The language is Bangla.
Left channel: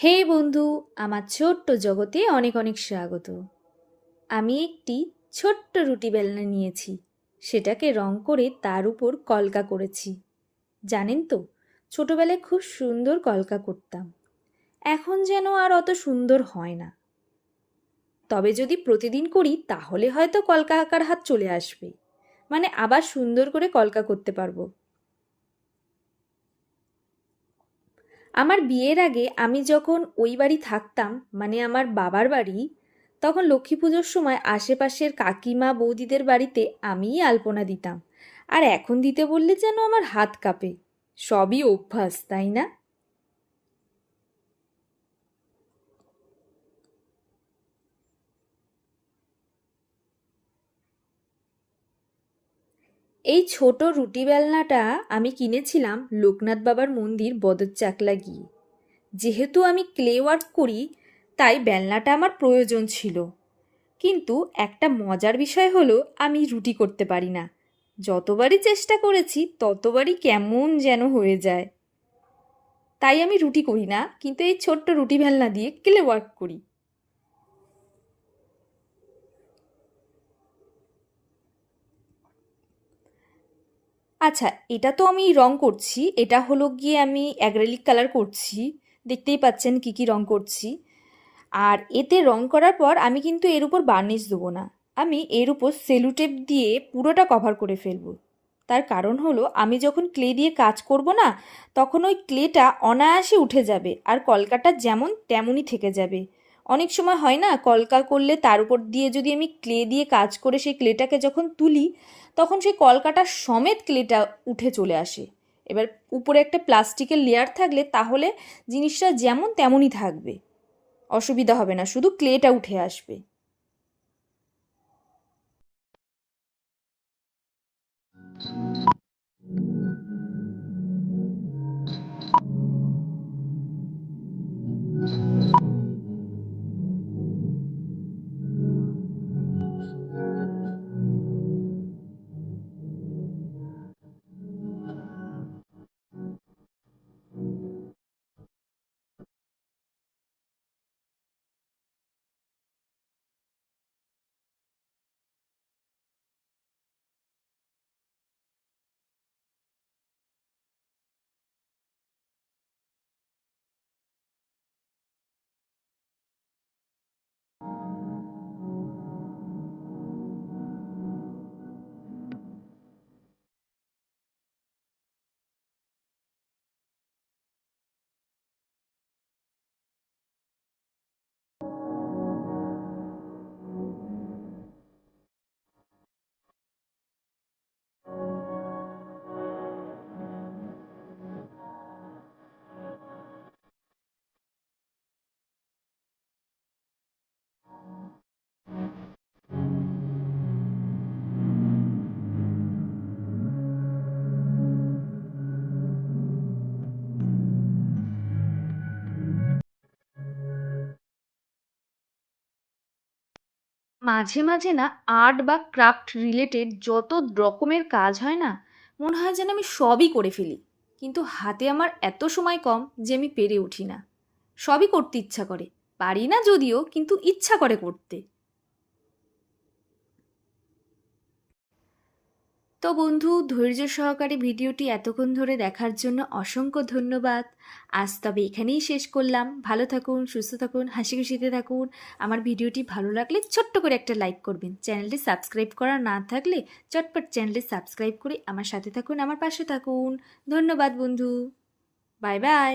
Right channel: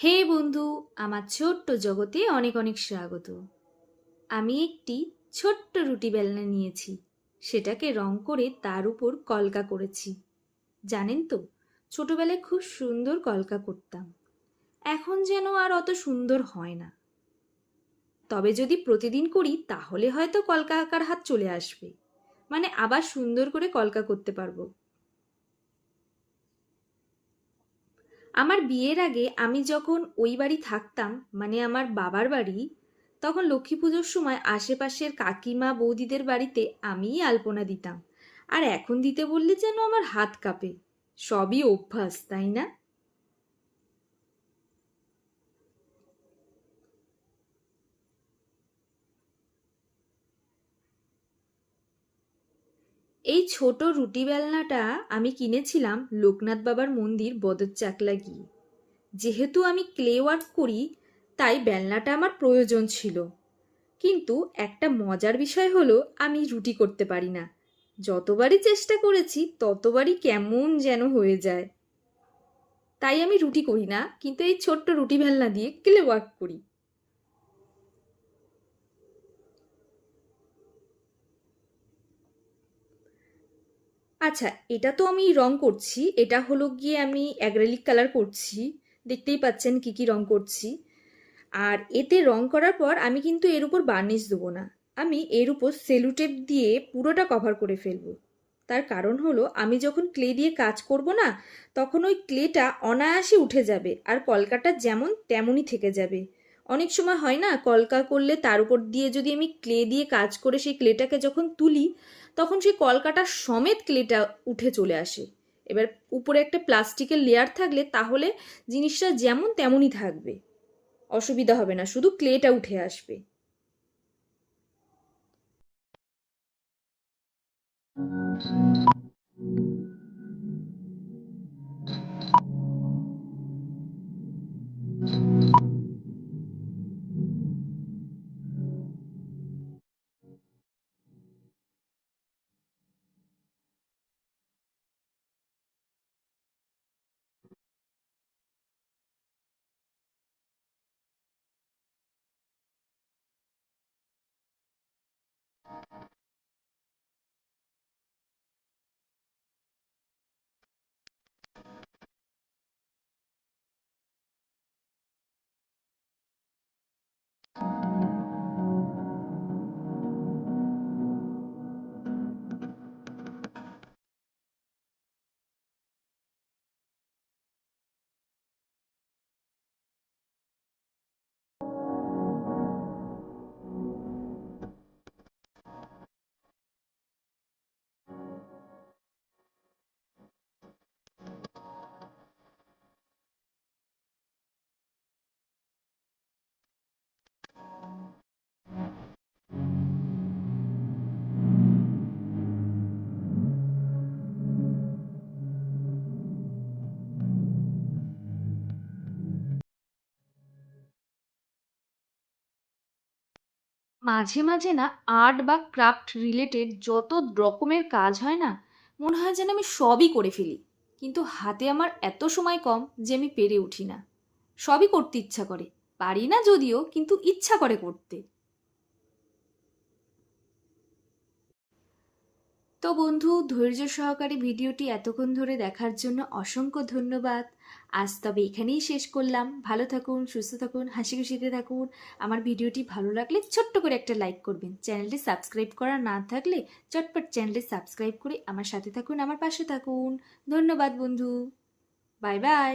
হে বন্ধু, আমার ছোট্ট জগতে অনেক অনেক স্বাগত। আমি একটি ছোট্ট রুটি বেলনা নিয়েছি, সেটাকে রং করে তার উপর কলকা করেছি। জানেন তো, ছোটবেলায় খুব সুন্দর কলকা করতাম। এখন যেন আর অত সুন্দর হয় না। তবে যদি প্রতিদিন করি তাহলে হয়তো কলকা আঁকার হাত চলে আসবে, মানে আবার সুন্দর করে কলকা করতে পারবো। আমার বিয়ের আগে আমি যখন ওই বাড়ি থাকতাম, মানে আমার বাবার বাড়ি, তখন লক্ষ্মী পুজোর সময় আশেপাশের কাকিমা বৌদিদের বাড়িতে আমিই আলপনা দিতাম। আর এখন দিতে বললে যেন আমার হাত কাঁপে। সবই অভ্যাস, তাই না? এই ছোট রুটি বেলনাটা আমি কিনেছিলাম লোকনাথ বাবার মন্দির বদরচাকলা গিয়ে। যেহেতু আমি ক্লে ওয়ার্ক করি, তাই বেলনাটা আমার প্রয়োজন ছিল। কিন্তু একটা মজার বিষয় হলো, আমি রুটি করতে পারি না। যতবারই চেষ্টা করেছি ততবারই কেমন যেন হয়ে যায়। তাই আমি রুটি করি না, কিন্তু এই ছোট্ট রুটি বেলনা দিয়ে ক্লে ওয়ার্ক করি। আচ্ছা, এটা তো আমি রং করছি। এটা হলো গিয়ে আমি অ্যাক্রিলিক কালার করছি। দেখতেই পাচ্ছেন কি কি রং করছি। আর এতে রং করার পর আমি কিন্তু এর উপর বার্নিশ দেবো না। আমি এর উপর সেলুটেপ দিয়ে পুরোটা কভার করে ফেলবো। তার কারণ হলো, আমি যখন ক্লে দিয়ে কাজ করব না, তখন ওই ক্লেটা অনায়াসে উঠে যাবে আর কলকাটা যেমন তেমনই থেকে যাবে। অনেক সময় হয় না, কলকা করলে তার উপর দিয়ে যদি আমি ক্লে দিয়ে কাজ করে সেই ক্লেটাকে যখন তুলি, তখন সেই কলকাটা সমেত ক্লেটা উঠে চলে আসে। এবার উপরে একটা প্লাস্টিকের লেয়ার থাকলে তাহলে জিনিসটা যেমন তেমনই থাকবে, অসুবিধা হবে না, শুধু ক্লেটা উঠে আসবে। মাঝে মাঝে না, আর্ট বা ক্রাফট রিলেটেড যত রকমের কাজ হয় না, মনে হয় যেন আমি সবই করে ফেলি। কিন্তু হাতে আমার এত সময় কম যে আমি পেরে উঠি না। সবই করতে ইচ্ছা করে, পারি না যদিও, কিন্তু ইচ্ছা করে করতে। তো বন্ধু, ধৈর্য সহকারে ভিডিওটি এতক্ষণ ধরে দেখার জন্য অসংখ্য ধন্যবাদ। আজ তবে এখানেই শেষ করলাম। ভালো থাকুন, সুস্থ থাকুন, হাসি খুশিতে থাকুন। আমার ভিডিওটি ভালো লাগলে ছোট্ট করে একটা লাইক করবেন। চ্যানেলটি সাবস্ক্রাইব করা না থাকলে চটপট চ্যানেলটি সাবস্ক্রাইব করে আমার সাথে থাকুন, আমার পাশে থাকুন। ধন্যবাদ বন্ধু। Bye bye.